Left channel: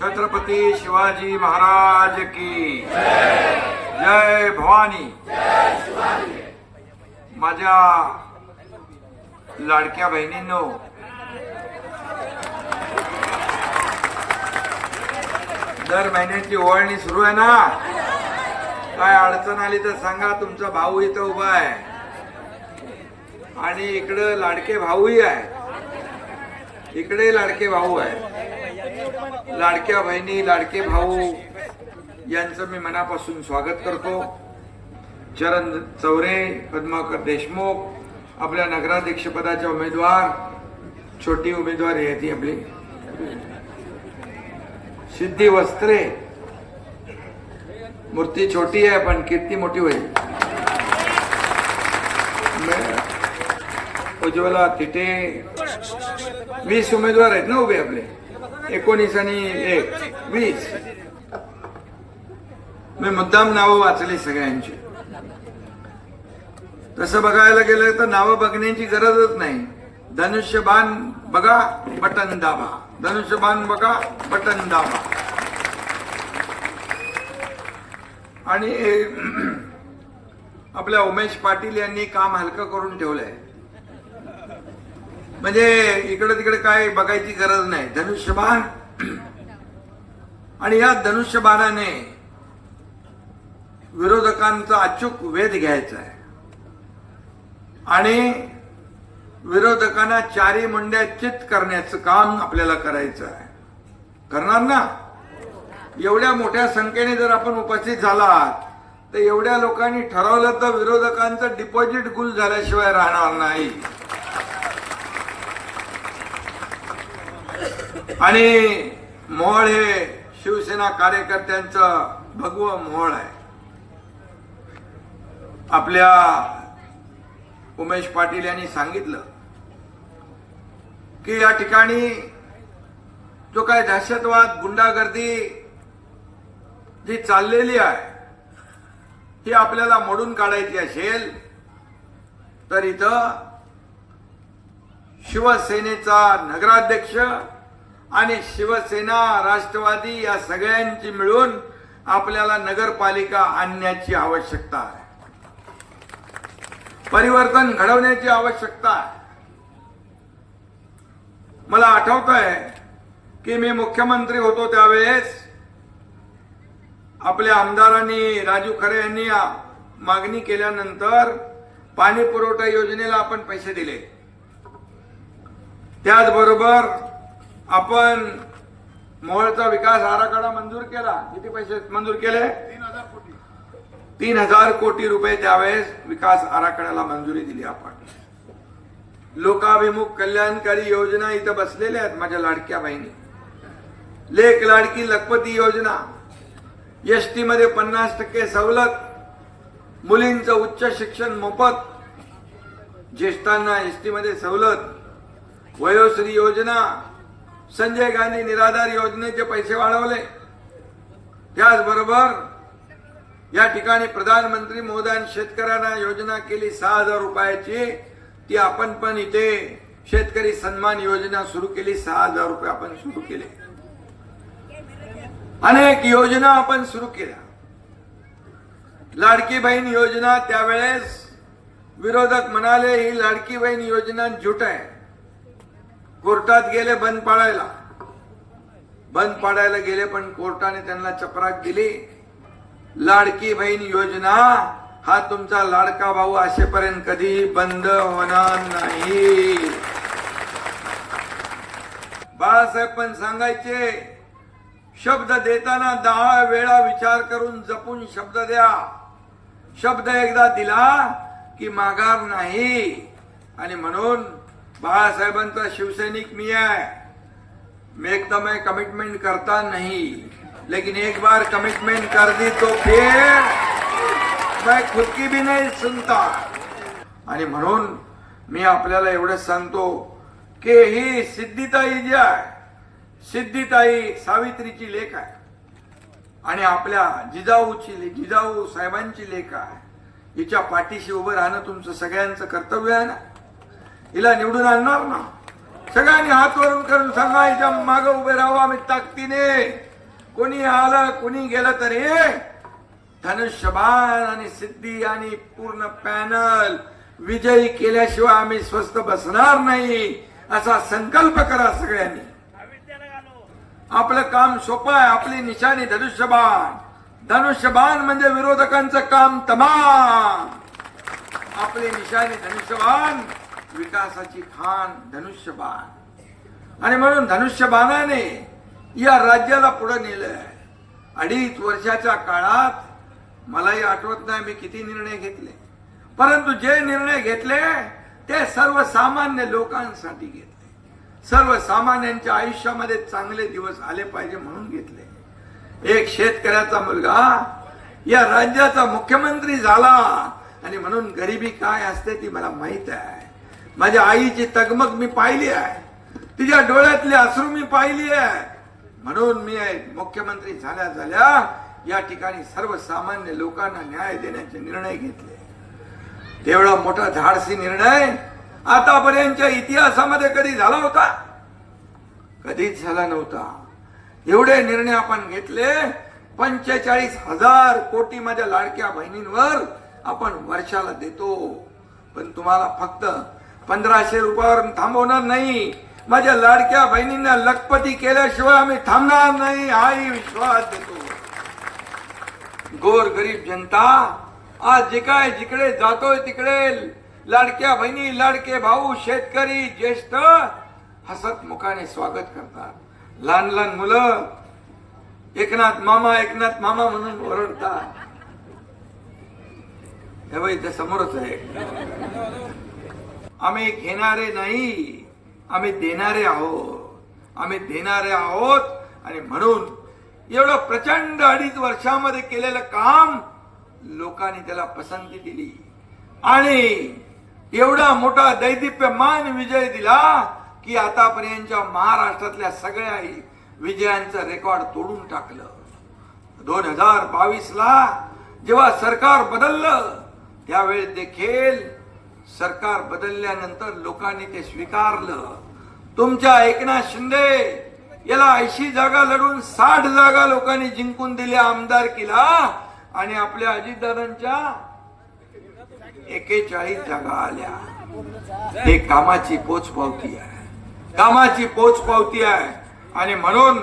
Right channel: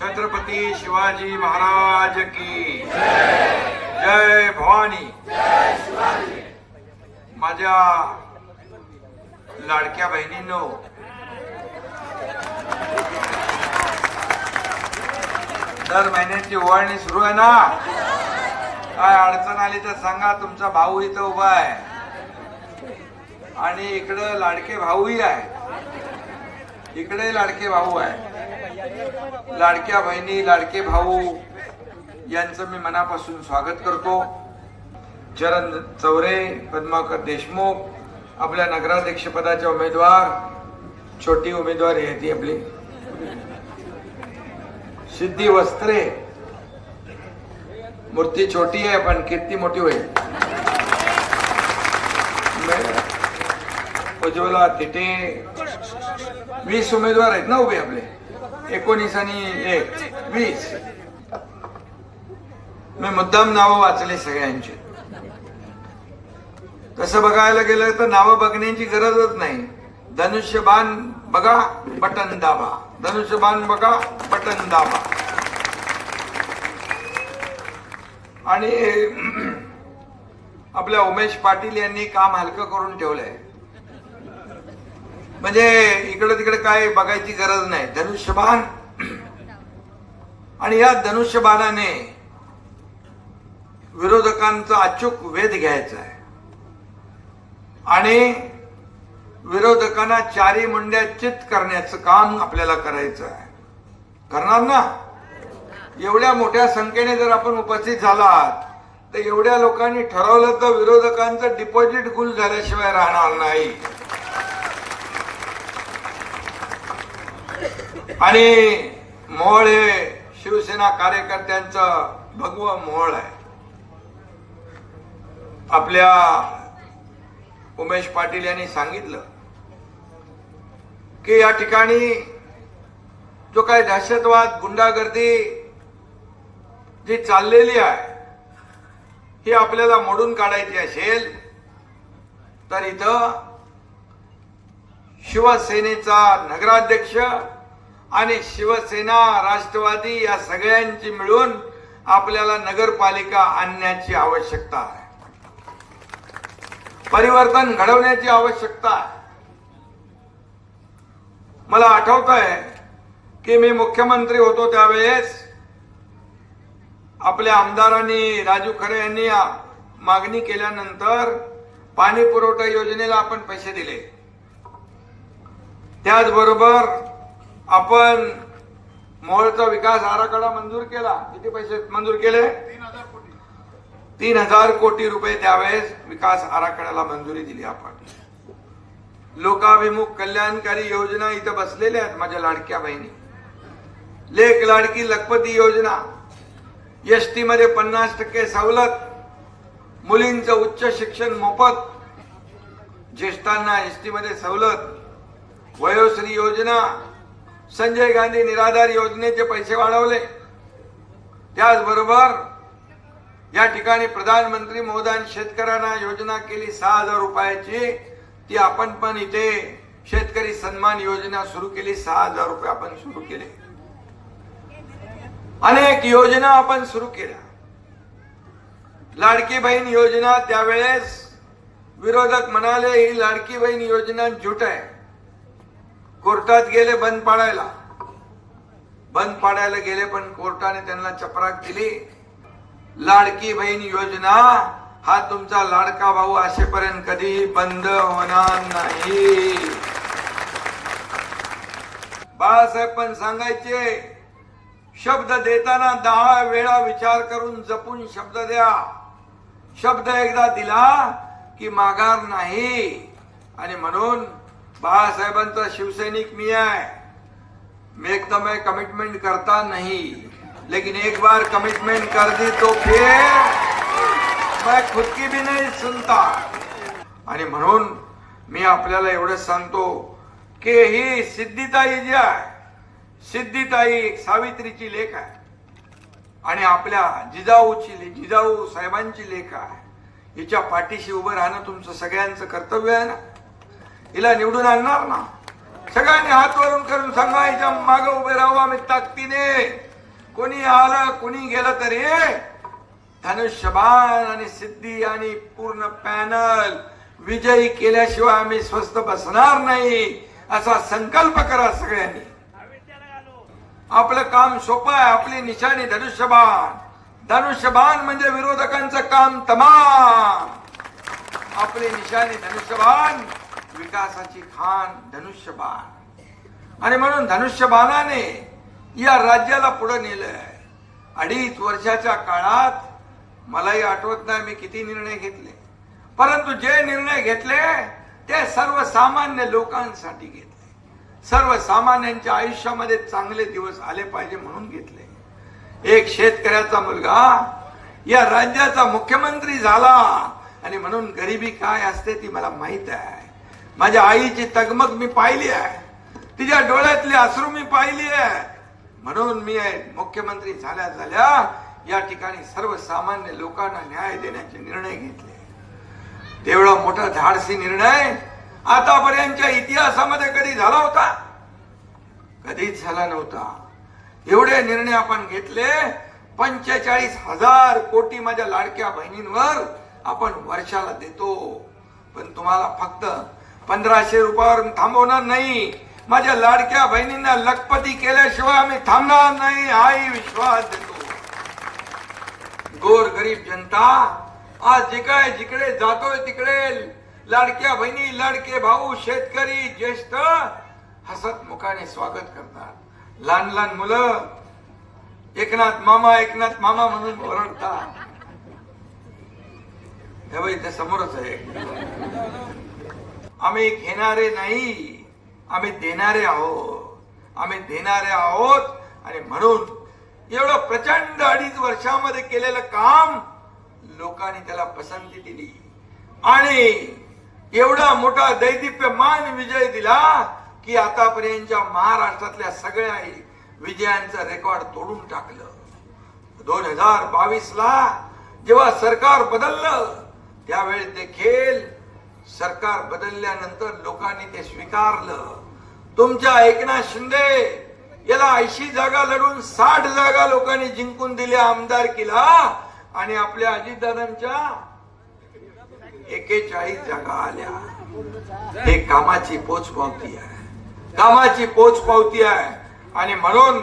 छत्रपती शिवाजी महाराज की जय। भवानी। माझ्या लाडक्या बहिणींनो दर महिन्याची ओवाळणी सुरू आहे ना? काय अडचण आली तर सांगा तुमचा भाऊ इथं उभा आहे. आणि इकडं लाडके भाऊही आहे. इकडे लाडके भाऊ आहे. लाडक्या बहिणी लाडके भाऊ यांचं मी मनापासून स्वागत करतो. चरण चौरे पद्माकर देशमुख आपल्या नगराध्यक्षपदाच्या उमेदवार छोटी उमेदवार आहे ती आपली. सिद्धी वस्त्रे. मूर्ती छोटी आहे पण कीर्ती मोठी होईल. उज्ज्वला तिथे वीस उमेदवार आहेत ना उभे आपले? एकोणीस आणि एक. वीस. मी मुद्दाम नावं वाचले सगळ्यांची. तसं बघायला गेलं तर नावं बघण्याची गरजच नाही. धनुष्यबाण बघा बटन दाबा. धनुष्यबाण बघा बटन दाबा. आणि आपल्या उमेश पाटील यांनी काम हलकं करून ठेवलंय. म्हणजे इकडे तिकडे काय बघायची गरज नाही. धनुष्यबाण. आणि या धनुष्यबाणाने विरोधकांचा अचूक वेध घ्यायचा आहे. आणि विरोधकांना चारी मुंड्या चित करण्याचं काम आपल्याला करायचं आहे. करणार ना? एवढ्या मोठ्या संख्येने जर आपण उपस्थित झालात तर एवढ्या लोकांनी ठरवलं तर विरोधकांचं डिपॉझिट गुल झाल्याशिवाय राहणार नाही. आणि मोळ हे शिवसेना कार्यकर्त्यांचं भगव मोहळ आहे. आपल्या उमेश पाटील यांनी सांगितलं की या ठिकाणी जो काही दहशतवाद गुंडागर्दी जी चाललेली आहे ही आपल्याला मोडून काढायची असेल तर इथं शिवसेनेचा नगराध्यक्ष आणि शिवसेना राष्ट्रवादी या सगळ्यांची मिळून आपल्याला नगरपालिका आणण्याची आवश्यकता आहे. परिवर्तन घडवण्याची आवश्यकता आहे. मला आठवत आहे की मी मुख्यमंत्री होतो त्यावेळेस आपल्या आमदारांनी राजू खरे यांनी मागणी केल्यानंतर पाणी पुरवठा योजनेला आपण पैसे दिले. त्याचबरोबर आपण मोहोळचा विकास आराखडा मंजूर केला. किती पैसे मंजूर केले? तीन हजार कोटी रुपये त्यावेळेस विकास आराखड्याला मंजुरी दिली आपण. लोकाभिमुख कल्याणकारी योजना इथं बसलेल्या आहेत माझ्या लाडक्या बहिणी. लेख लाडकी लखपती योजना. एस टी मध्ये पन्नास टक्के सवलत. मुलींचं उच्च शिक्षण मोफत. ज्येष्ठांना एस टी मध्ये सवलत. वयोश्री योजना. संजय गांधी निराधार योजनेचे पैसे वाढवले. त्याचबरोबर या ठिकाणी प्रधानमंत्री मोदान शेतकऱ्यांना योजना केली सहा हजार रुपयाची. ती आपण पण इथे शेतकरी सन्मान योजना सुरू केली सहा हजार रुपये आपण सुरू केले. अनेक योजना आपण सुरू केल्या. लाडकी बहीण योजना त्यावेळेस विरोधक म्हणाले ही लाडकी बहीण योजना झुट आहे. कोर्टात गेले बंद पाडायला. बंद पाडायला गेले पण कोर्टाने त्यांना चपराक दिली. लाडकी बहीण योजना हा तुमचा लाडका भाऊ असेपर्यंत कधी बंद होणार नाही. बाळासाहेब पण सांगायचे शब्द देताना दहा वेळा विचार करून जपून शब्द द्या. शब्द एकदा दिला की माघार नाही. आणि म्हणून बाळासाहेबांचा शिवसैनिक मी आहे. मैं एकदम मैं कमिटमेंट करता नहीं. लेकिन एक बार कमिटमेंट कर दी तो फिर मैं खुद की भी नहीं सुनता. आणि म्हणून मी आपल्याला एवढंच सांगतो की ही सिद्धिताई जी आहे. सिद्धिताई सावित्रीची लेख आहे. आणि आपल्या जिजाऊची जिजाऊ साहेबांची लेख आहे. हिच्या पाठीशी उभं राहणं तुमचं सगळ्यांचं कर्तव्य आहे ना? हिला निवडून आणणार ना. सगळ्यांनी हात वरून करून सांगा हिच्या मागे उभे राहू आम्ही ताकदीने. कोणी आलं कोणी गेलं तरी धनुष्यबाण आणि सिद्धी आणि पूर्ण पॅनल विजयी केल्याशिवाय आम्ही स्वस्त बसणार नाही असा संकल्प करा सगळ्यांनी. आपलं काम सोपं आहे आपली निशाणी धनुष्यबाण. धनुष्यबाण म्हणजे विरोधकांचं काम तमाम. आपली निशाणी धनुष्यबाण विकासाची खान धनुष्यबाण. आणि म्हणून धनुष्यबाणाने या राज्याला पुढे आहे अडीच वर्षाच्या काळात मलाही आठवत नाही मी किती निर्णय घेतले. परंतु जे निर्णय घेतले ते सर्वसामान्य लोकांसाठी घेतले. सर्वसामान्यांच्या आयुष्यामध्ये चांगले दिवस आले पाहिजे म्हणून घेतले. एक शेतकऱ्याचा मुलगा या राज्याचा मुख्यमंत्री झाला. आणि म्हणून गरिबी काय असते ती मला माहीत आहे. माझ्या आईची तगमग मी पाहिली आहे. तिच्या डोळ्यातली अश्रू मी पाहिली आहे. म्हणून मी मुख्यमंत्री झाल्या झाल्या या ठिकाणी सर्वसामान्य लोकांना न्याय देण्याचे निर्णय घेतले. तेवढा मोठा धाडसी निर्णय आतापर्यंतच्या इतिहासामध्ये कधी झाला होता? कधीच झाला नव्हता. एवढे निर्णय आपण घेतले पंचेचाळीस हजार कोटी माझ्या लाडक्या बहिणींवर आपण वर्षाला देतो. पण तुम्हाला फक्त पंधराशे रुपयावर थांबवणार नाही. माझ्या लाडक्या बहिणींना लखपती केल्याशिवाय आम्ही थांबणार नाही. हाही विश्वास देतो. गोर गरीब जनता आज जे काय जिकडे जातोय तिकडे लाडक्या बहिणी लाडके भाऊ शेतकरी ज्येष्ठ हसत मुखाने स्वागत करतात. लहान लहान मुलं एकनाथ मामा एकनाथ मामा म्हणून ओरडतात. समोरच आहे. आम्ही घेणारे नाही आम्ही देणारे आहोत. आम्ही देणारे आहोत आणि म्हणून एवढं प्रचंड अडीच वर्षामध्ये केलेलं काम लोकांनी त्याला पसंती दिली. आणि एवढा मोठा दैदिप्यमान विजय दिला की आतापर्यंतच्या महाराष्ट्रातल्या सगळ्या विजयांचं रेकॉर्ड तोडून टाकलं. दोन हजार बावीस ला जेव्हा सरकार बदललं त्यावेळी देखील सरकार बदलल्यानंतर लोकांनी ते स्वीकारलं. तुमच्या एकनाथ शिंदे याला ऐंशी जागा लढून साठ जागा लोकांनी जिंकून दिल्या आमदारकीला आणि आपल्या अजितदादांच्या एकेचाळीस जागा आल्या. हे कामाची पोचपावती आहे. कामाची पोचपावती आहे. आणि म्हणून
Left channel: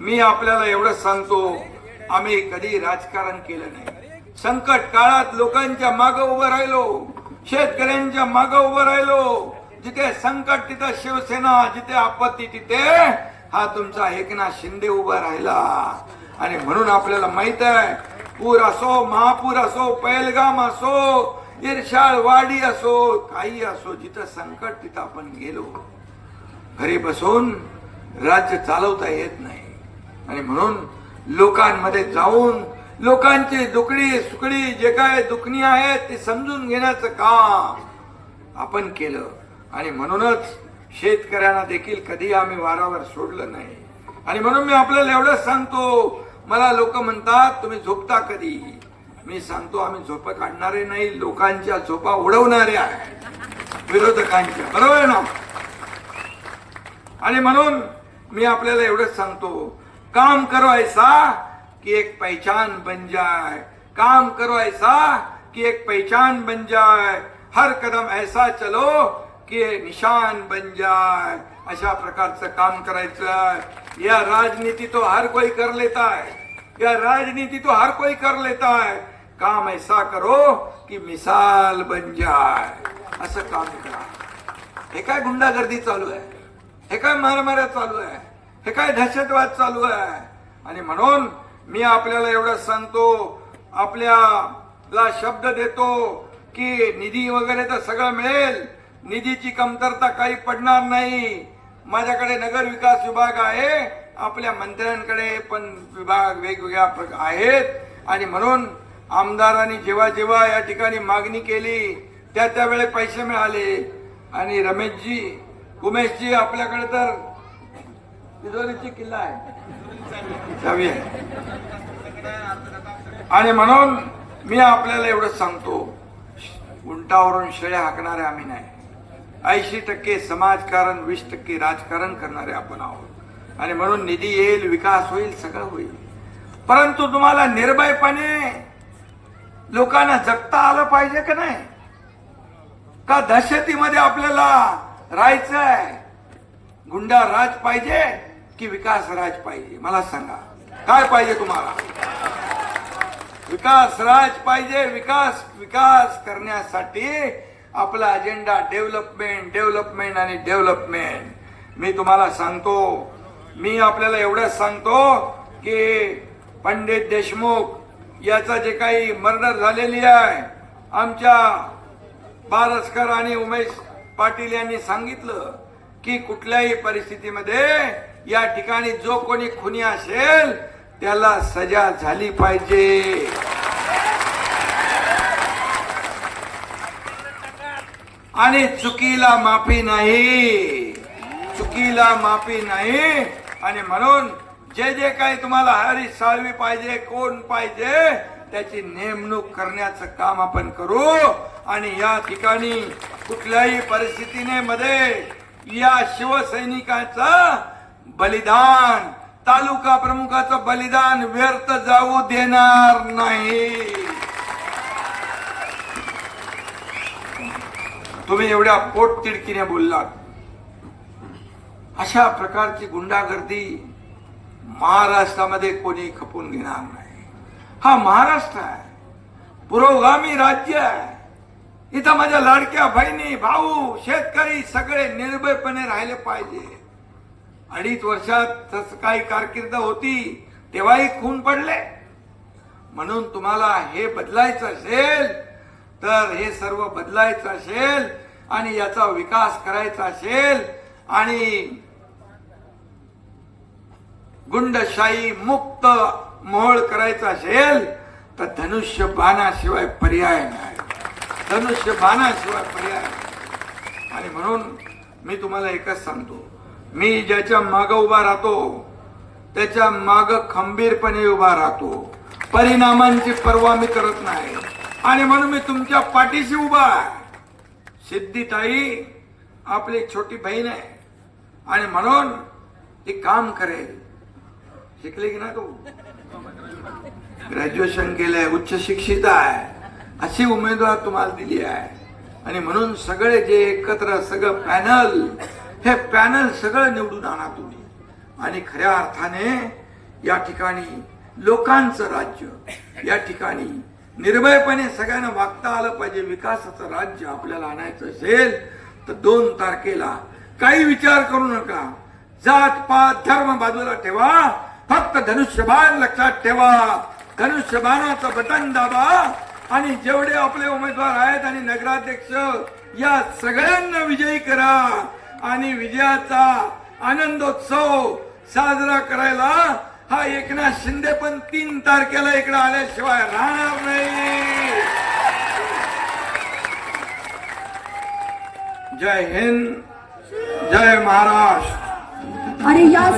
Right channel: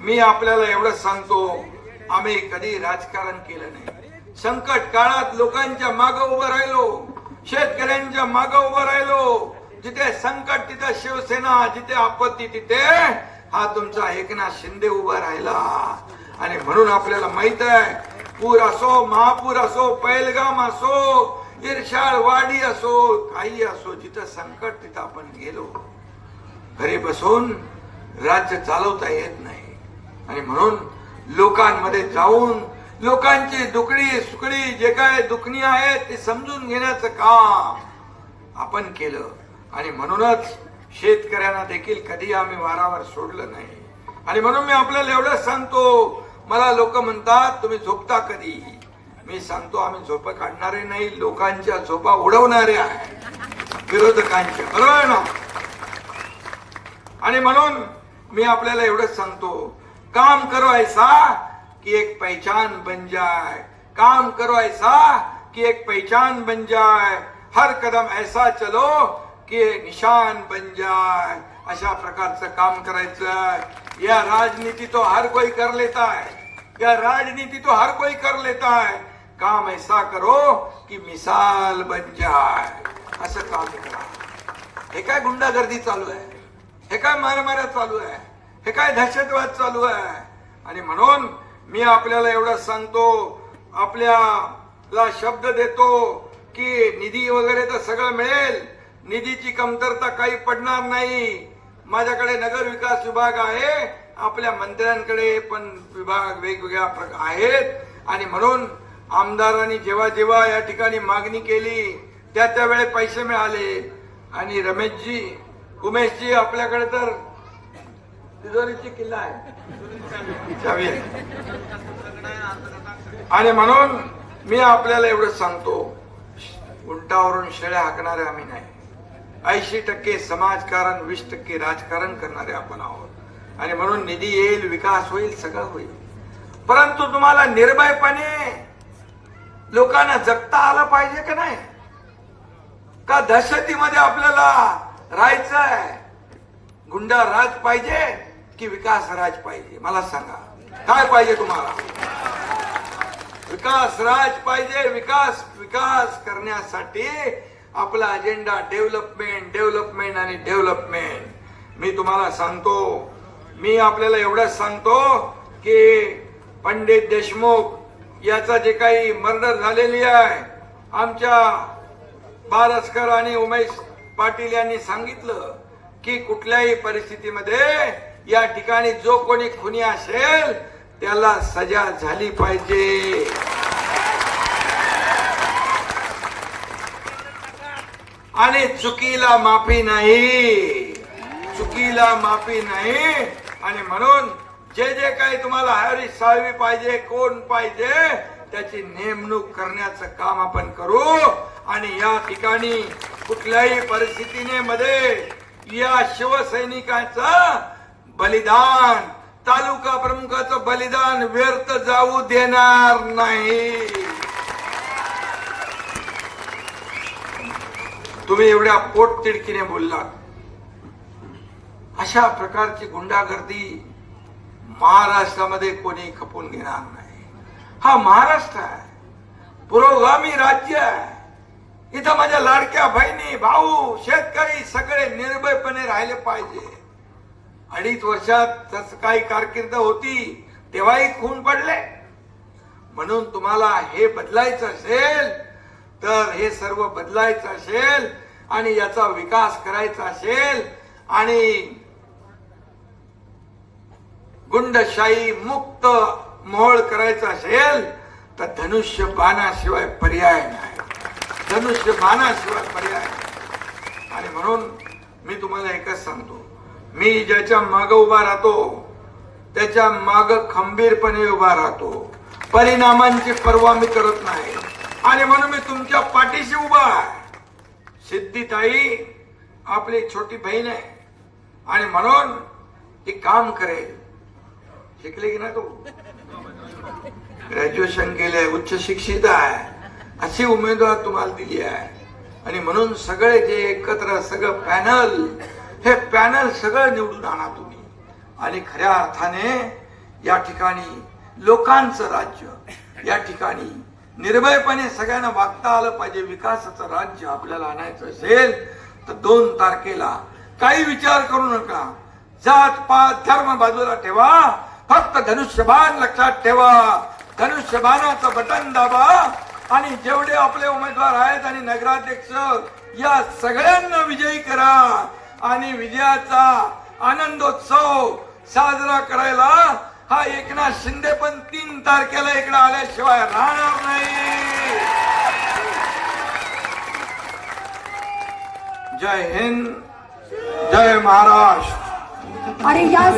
मी आपल्याला एवढं सांगतो आम्ही कधी राजकारण केलं नाही. संकट काळात लोकांच्या मागं उभं राहिलो. शेतकऱ्यांच्या माग उभं राहिलो. जिथे संकट तिथे शिवसेना जिथे आपत्ती तिथे हा तुमचा एकनाथ शिंदे उभा राहिला. आणि म्हणून आपल्याला माहीत आहे पूर असो महापूर असो पैलगाम असो इर्षाळ वाडी असो काही असो जिथं संकट तिथं आपण गेलो. घरी बसून राज्य चालवता येत नाही. आणि म्हणून लोकांमध्ये जाऊन लोकांची दुकडी सुकडी जे काय दुखणी आहेत ते समजून घेण्याचं काम आपण केलं. आणि म्हणूनच शेतकऱ्यांना देखील कधी आम्ही वारावर सोडलं नाही. आणि म्हणून मी आपल्याला एवढंच सांगतो मला लोक म्हणतात तुम्ही झोपता कधी? मी सांगतो आम्ही झोप काढणारे नाही लोकांच्या झोपा उडवणारे आहेत. विरोधकांच्या. बरोबर ना? आणि म्हणून मी आपल्याला एवढंच सांगतो काम करो ऐसा कि एक पहचान बन जाए। काम करो ऐसा कि एक पहचान बन जाए। हर कदम ऐसा चलो कि निशान बन जाए। अशा प्रकारचं काम करायचं या राजनीति तो हर कोई कर लेता है। या राजनीति तो हर कोई कर लेता है। काम ऐसा करो कि मिसाल बन जाए। असं काम करा। हे काय गुंडागर्दी चालू आहे? हे काय मारामाऱ्या चालू आहे? हे काय दहशतवाद चालू आहे? आणि म्हणून मी आपल्याला एवढं सांगतो आपल्याला शब्द देतो की निधी वगैरे तर सगळं मिळेल निधीची कमतरता काही पडणार नाही. माझ्याकडे नगर विकास विभाग आहे आपल्या मंत्र्यांकडे पण विभाग वेगवेगळ्या प्रकार आहेत. आणि म्हणून आमदारांनी जेव्हा जेव्हा या ठिकाणी मागणी केली त्या त्यावेळे पैसे मिळाले. आणि रमेशजी उमेशजी आपल्याकडे तर तिजोरीची किल्ला आहे. आणि म्हणून मी आपल्याला एवढं सांगतो उंटावरून शेळ्या हाकणारे आम्ही नाही. ऐंशी टक्के समाजकारण वीस टक्के राजकारण करणारे आपण आहोत. आणि म्हणून निधी येईल विकास होईल सगळं होईल. परंतु तुम्हाला निर्भयपणे लोकांना जगता आलं पाहिजे का नाही? का दहशतीमध्ये आपल्याला राहायचंय? गुंडा राज पाहिजे? की विकास राज पाहिजे. मला सांगा. काय पाहिजे तुम्हाला? विकास राज पाहिजे. विकास विकास करण्यासाठी आपला अजेंडा डेव्हलपमेंट डेव्हलपमेंट आणि डेव्हलपमेंट मी तुम्हाला सांगतो. मी आपल्याला एवढंच सांगतो की पंडित देशमुख याचा जे काही मर्डर झालेली आहे आमच्या बारसकर आणि उमेश पाटील यांनी सांगितलं की कुठल्याही परिस्थितीमध्ये या ठिकाणी जो कोणी खुनी असेल त्याला सजा झाली पाहिजे. आणि चुकीला माफी नाही. चुकीला माफी नाही. आणि म्हणून जे जे काही तुम्हाला हरी साळवी पाहिजे कोण पाहिजे त्याची नेमणूक करण्याचं काम आपण करू. आणि या ठिकाणी कुठल्याही परिस्थितीने मध्ये या शिवसैनिकांचा बलिदान. तालुका प्रमुखाचं बलिदान व्यर्थ जाऊ देणार नाही. तुम्ही एवढ्या पोटतिडकीने बोललात. अशा प्रकारची गुंडागर्दी महाराष्ट्रामध्ये कोणी खपून घेणार नाही. हा महाराष्ट्र आहे. पुरोगामी राज्य आहे. इथं माझ्या लाडक्या बहिणी भाऊ शेतकरी सगळे निर्भयपणे राहिले पाहिजे. अडीच वर्षात तसं काही कारकीर्द होती तेव्हाही खून पडले. म्हणून तुम्हाला हे बदलायचं असेल तर हे सर्व बदलायचं असेल आणि याचा विकास करायचा असेल आणि गुंडशाही मुक्त मोहळ करायचा असेल तर धनुष्य बाणाशिवाय पर्याय नाही. धनुष्य बाणाशिवाय पर्याय आणि म्हणून मी तुम्हाला एकच सांगतो मी ज्याच्या माग उभा राहतो त्याच्या माग खंबीरपणे उभा राहतो. परिणामांची पर्वा मी करत नाही. आणि म्हणून मी तुमच्या पाठीशी उभा आहे. सिद्धिताई आपली छोटी बहीण आहे. आणि म्हणून ती काम करेल. शिकले की नाही तू? ग्रॅज्युएशन केलंय उच्च शिक्षित आहे. अशी उमेदवार तुम्हाला दिली आहे. आणि म्हणून सगळे जे एकत्र सगळं पॅनल हे पॅनल सगळं निवडून आणा तुम्ही. आणि खऱ्या अर्थाने या ठिकाणी लोकांचं राज्य या ठिकाणी निर्भयपणे सगळ्यांना वागता आलं पाहिजे विकासाचं राज्य आपल्याला आणायचं असेल तर दोन तारखेला काही विचार करू नका. जात पात धर्म बाजूला ठेवा. फक्त धनुष्यबाण लक्षात ठेवा. धनुष्यबाणाचं बटन दाबा. आणि जेवढे आपले उमेदवार आहेत आणि नगराध्यक्ष या सगळ्यांना विजयी करा. आणि विजयाचा आनंदोत्सव साजरा करायला हा एकनाथ शिंदे पण तीन तारखेला इकडे आल्याशिवाय राहणार नाही. जय हिंद जय महाराष्ट्र. आणि या